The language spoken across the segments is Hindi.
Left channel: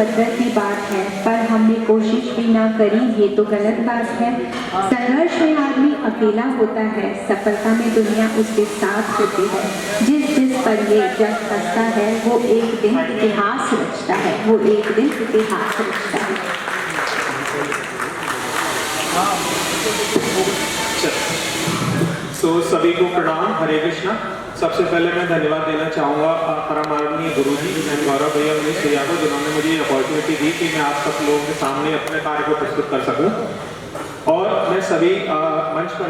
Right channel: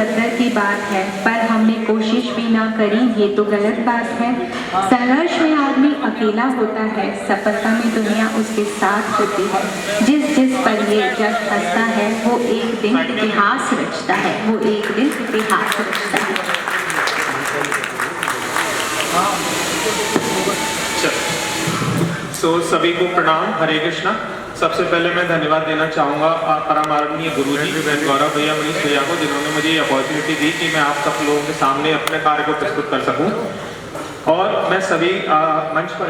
कद्र की बात है, पर हमने कोशिश भी ना करी, ये तो गलत बात है। संघर्ष में आदमी अकेला होता है, सफलता में दुनिया उसके साथ होती है। जिस जिस पर ये जग हंसता है, वो एक दिन इतिहास रचता है, वो एक दिन इतिहास रचता है। सभी को प्रणाम, हरे कृष्णा। सबसे पहले मैं धन्यवाद देना चाहूँगा परम आदरणीय गुरुजी गौरव भैया मनीष भैया को, जिन्होंने मुझे ये अपॉर्चुनिटी दी कि मैं आप सब लोगों के सामने अपने कार्य को प्रस्तुत कर सकूं। और मैं सभी मंच पर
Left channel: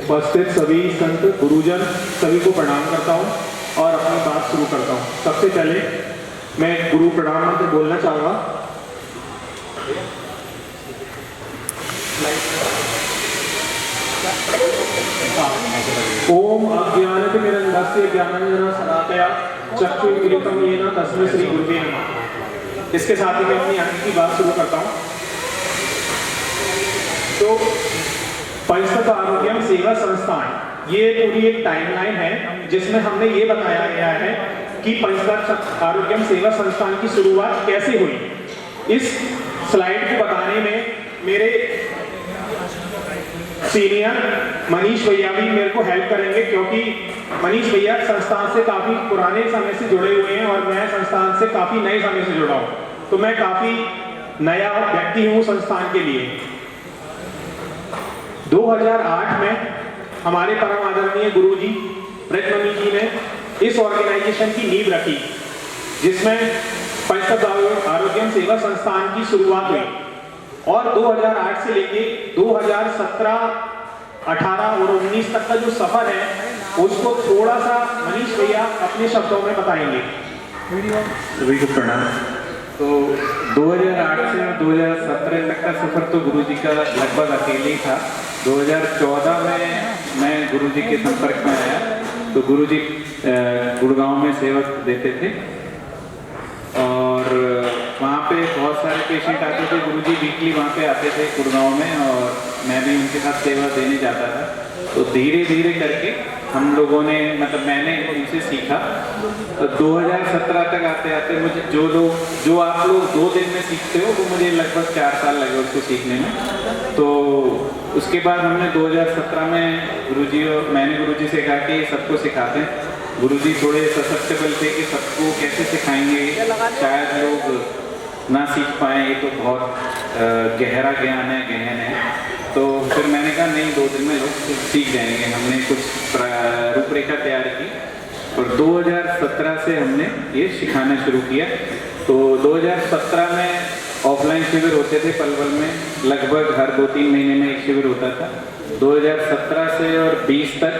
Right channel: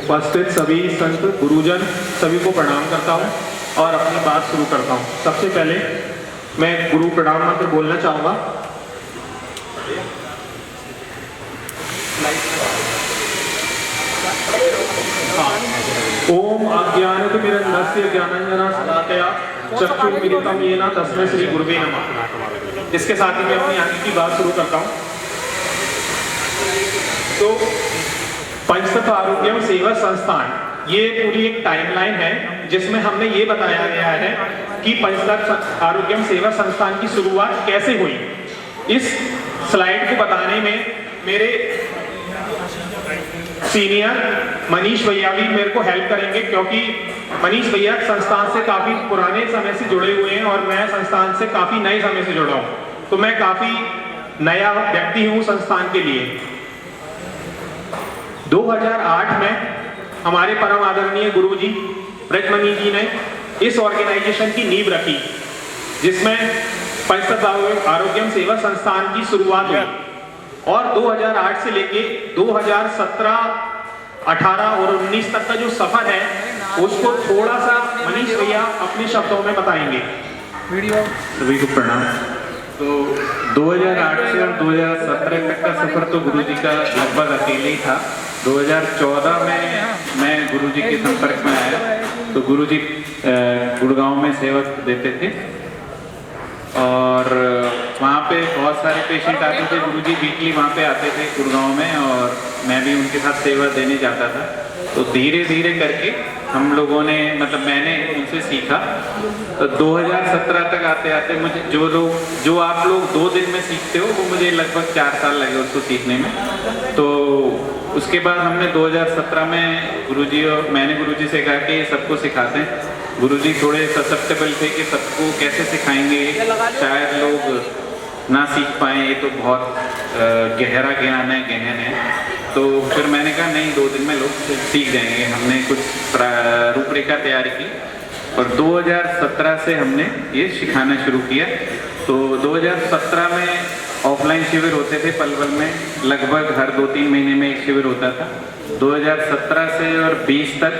उपस्थित सभी संत गुरुजन सभी को प्रणाम करता हूं और अपनी बात शुरू करता हूं। सबसे पहले मैं गुरु प्रणाम मंत्र बोलना चाहूँगा। ओम अज्ञानतिमिरन्धस्य ज्ञानाञ्जनशलाकया चक्षुर्मीलितं येन तस्मै श्री गुरुवे नमः। इसके साथ ही मैं अपनी आगे की बात शुरू करता हूँ। तो पंचतत्व आरोग्यम सेवा संस्थान, ये पूरी एक टाइमलाइन है जिसमें हमने ये बताया गया है कि पंचतत्व आरोग्यम सेवा संस्थान की शुरुआत कैसे हुई। इस स्लाइड को बताने में मेरे सीनियर मनीष भैया भी मेरे को हेल्प करेंगे, क्योंकि मनीष भैया संस्थान से काफी पुराने समय से जुड़े हुए हैं और मैं संस्थान से काफी नए समय से जुड़ा हूं, तो मैं काफी नया व्यक्ति हूं संस्थान के लिए। 2008 में हमारे परम आदरणीय गुरुजी ब्रजमणि जी ने इस ऑर्गेनाइजेशन की नींव रखी, जिसमें पंचतत्व आरोग्यम सेवा संस्थान की शुरुआत हुई। और 2008 से लेके 2017, 18 और 19 तक का जो सफर है उसको थोड़ा सा मनीष भैया अपने शब्दों में बताएंगे। सभी को प्रणाम। तो 2008 से 2017 तक का सफर तो गुरुजी का लगभग अकेले ही था। 2014 में मैं गुरुजी के संपर्क में आया, तो गुरुजी गुड़गांव में सेवा देते थे और वहाँ पे बहुत सारे पेशेंट आते थे। गुरुजी वीकली वहाँ पे आते थे गुड़गांव में और मैं भी उनके साथ सेवा देने जाता था। तो धीरे धीरे करके हम लोगों ने, मतलब मैंने उनसे सीखा। तो 2017 तक आते आते मुझे जो आप लोग 2 दिन में सीखते हो, वो मुझे लगभग 4 साल लगे उसको सीखने में। तो उसके बाद हमने 2017 में गुरुजी और मैंने गुरुजी से कहा कि सबको सिखाते हैं। गुरुजी थोड़े ससेप्टेबल थे कि सबको कैसे सिखाएंगे, शायद लोग ना सीख पाए, ये तो बहुत गहरा ज्ञान है, गहन है। तो फिर मैंने कहा नहीं, 2 दिन में लोग सीख जाएंगे। हमने कुछ रूपरेखा तैयार की और 2017 से हमने ये सिखाना शुरू किया। तो 2017 में ऑफलाइन शिविर होते थे पलवल में, लगभग हर 2-3 महीने में एक शिविर होता था। 2017 से और 20 तक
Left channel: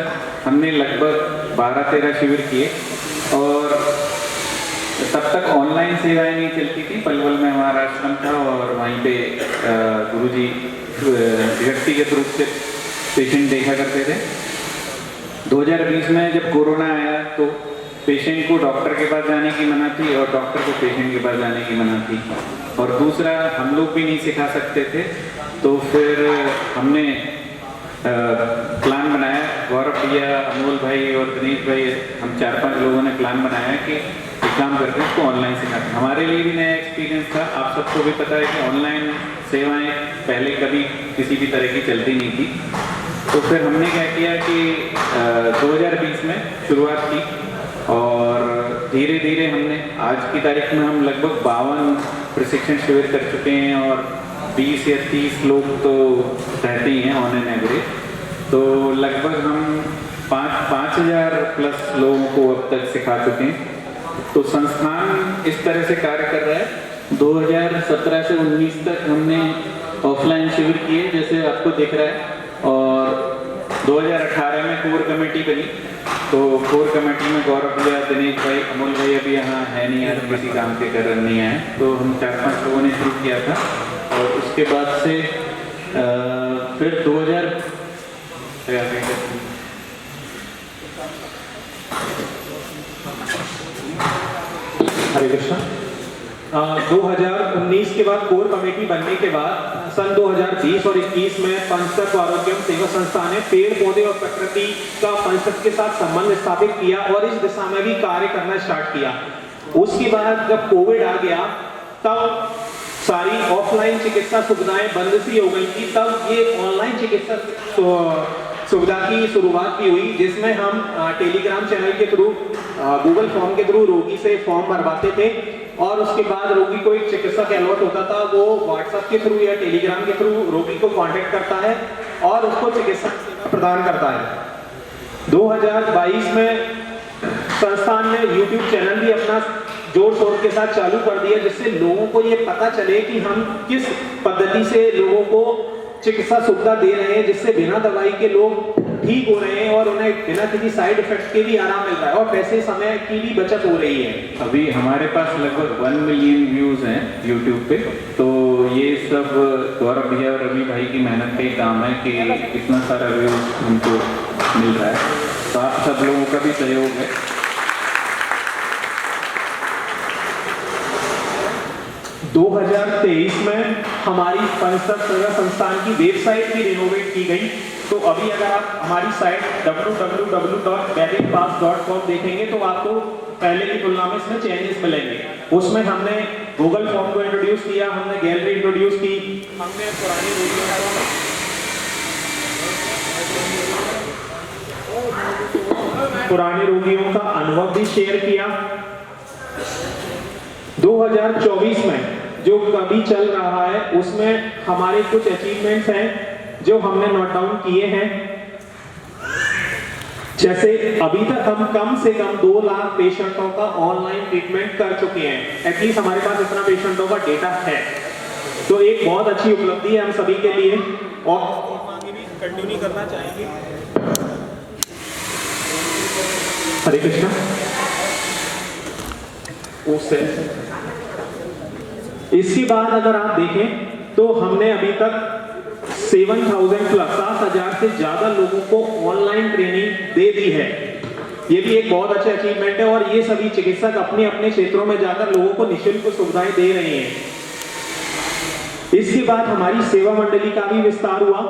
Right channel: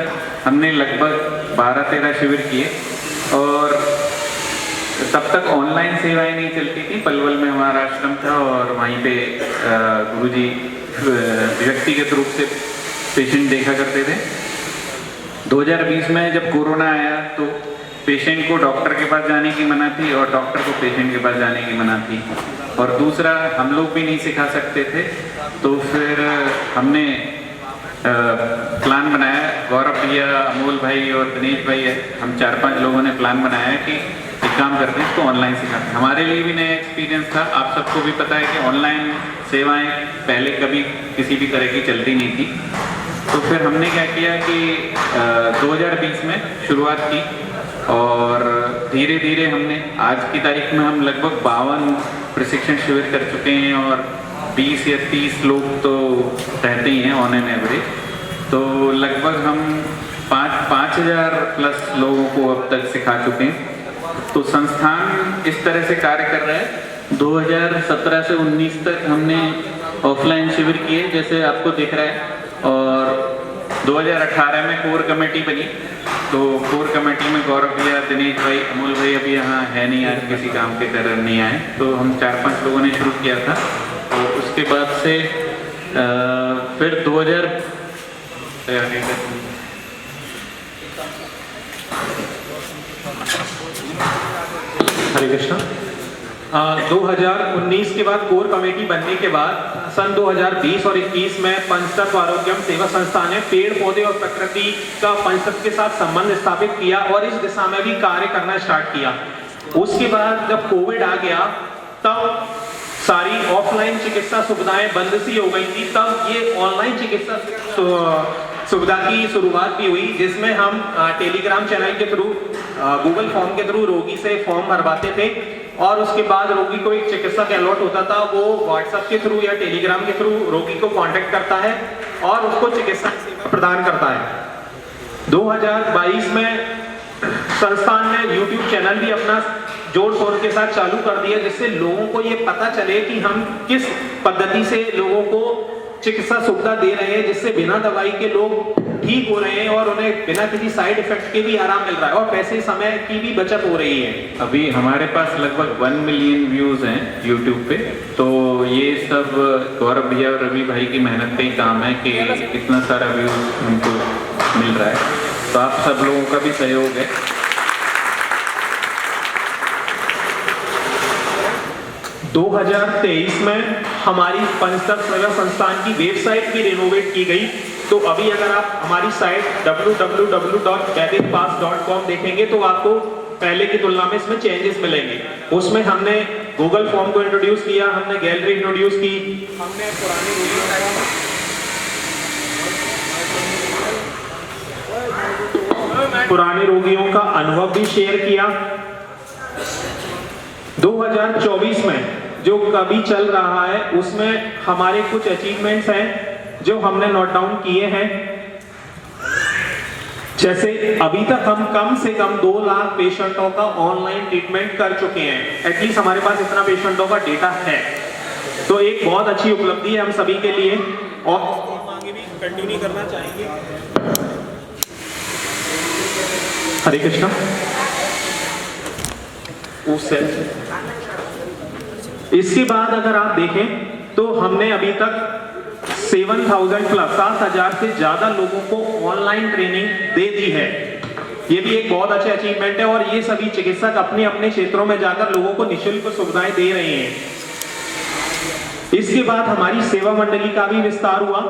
हमने लगभग 12-13 शिविर किए और तब तक ऑनलाइन सेवाएं नहीं चलती थी। पलवल में हमारा आश्रम था और वहीं पे गुरुजी व्यक्तिगत रूप से पेशेंट देखा करते थे। 2020 में जब कोरोना आया तो पेशेंट को डॉक्टर के पास जाने की मना थी और डॉक्टर को पेशेंट के पास जाने की मना थी। और दूसरा, हम लोग भी नहीं सिखा सकते थे, तो फिर हमने प्लान बनाया। गौरव भैया, अमोल भाई और दिनेश भाई, हम 4-5 लोगों ने प्लान बनाया कि एक काम करके इसको ऑनलाइन सिखाते। हमारे लिए भी नया एक्सपीरियंस था। आप सबको भी पता है कि ऑनलाइन सेवाएं पहले कभी किसी भी तरह की चलती नहीं थी। तो फिर हमने क्या किया कि 2020 में शुरुआत की और धीरे धीरे हमने, आज की तारीख में हम लगभग 52 प्रशिक्षण शिविर कर चुके हैं और 20 या 30 लोग तो रहते ही हैं ऑन एन एवरेज। तो लगभग हम 5,000 प्लस लोगों को अब तक सिखा चुके हैं। तो संस्थान इस तरह से कार्य कर रहा है। 2017 से 19 तक हमने ऑफलाइन शिविर किए, जैसे आपको दिख रहा है। और 2018 में कोर कमेटी बनी, तो कोर कमेटी में गौरव भैया, दिनेश भाई, अमोल भाई अभी यहाँ है नहीं, आज किसी काम के कारण नहीं आए। तो हम 4-5 लोगों ने शुरू किया था और उसके बाद से फिर 2000 हरे कृष्णा। 2019 के बाद कोर कमेटी बनने के बाद सन 2020 और 21 में पंचतत्व आरोग्यम सेवा संस्थान ने पेड़ पौधे और प्रकृति का पंचतत्व के साथ संबंध स्थापित किया और इस दिशा में भी कार्य करना स्टार्ट किया। उसके बाद जब कोविड आ गया तब सारी ऑफलाइन चिकित्सा सुविधाएं बंद सी हो गई थी, तब ये ऑनलाइन चिकित्सा सुविधा की शुरुआत भी हुई, जिसमें हम टेलीग्राम चैनल के थ्रू, गूगल फॉर्म के थ्रू रोगी से फॉर्म भरवाते थे और उसके बाद रोगी को एक चिकित्सक अलॉट होता था, वो व्हाट्सएप के थ्रू या टेलीग्राम के थ्रू रोगी को कांटेक्ट करता है और उसको चिकित्सा सेवा प्रदान करता है। 2022 में संस्थान ने यूट्यूब चैनल भी अपना जोर शोर के साथ चालू कर दिया, जिससे लोगों को ये पता चले कि हम किस पद्धति से लोगों को चिकित्सा सुविधा दे रहे हैं, जिससे बिना दवाई के लोग ठीक हो रहे हैं और उन्हें बिना किसी साइड इफेक्ट के भी आराम मिल रहा है और पैसे समय की भी बचत हो रही है। अभी हमारे पास लगभग 1 मिलियन व्यूज हैं यूट्यूब पे, तो ये सब गौरव भैया और रवि भाई की मेहनत का ही काम है कि इतना सारा व्यूज हमको मिल रहा है, तो आप सब लोगों का भी सहयोग है। 2023 में हमारी पंचतत्व सेवा संस्थान की वेबसाइट भी रिनोवेट की गई, तो अभी अगर आप हमारी साइट www.vaidikpass.com देखेंगे तो आपको पहले की तुलना में इसमें चेंजेस मिलेंगे। उसमें हमने गूगल फॉर्म को इंट्रोड्यूस किया, हमने गैलरी इंट्रोड्यूस की, हमने पुराने रोगियों का अनुभव भी शेयर किया। 2024 में जो कभी चल रहा है उसमें हमारे कुछ अचीवमेंट्स हैं जो हमने नोट डाउन किए हैं। जैसे अभी तक हम कम से कम 2 लाख पेशेंटों का ऑनलाइन ट्रीटमेंट कर चुके हैं, एटलीस्ट हमारे पास इतना पेशेंटों का डेटा है, तो एक बहुत अच्छी उपलब्धि है हम सभी के लिए और आगे भी कंटिन्यू करना चाहेंगे। हरे कृष्णा। इसके बाद अगर आप देखें तो हमने अभी तक 7,000 प्लस 7,000 से ज्यादा लोगों को ऑनलाइन ट्रेनिंग दे दी है। ये भी एक बहुत अच्छा अचीवमेंट है और ये सभी चिकित्सक अपने अपने क्षेत्रों में जाकर लोगों को निःशुल्क सुविधाएं दे रहे हैं। इसके बाद हमारी सेवा मंडली का भी विस्तार हुआ।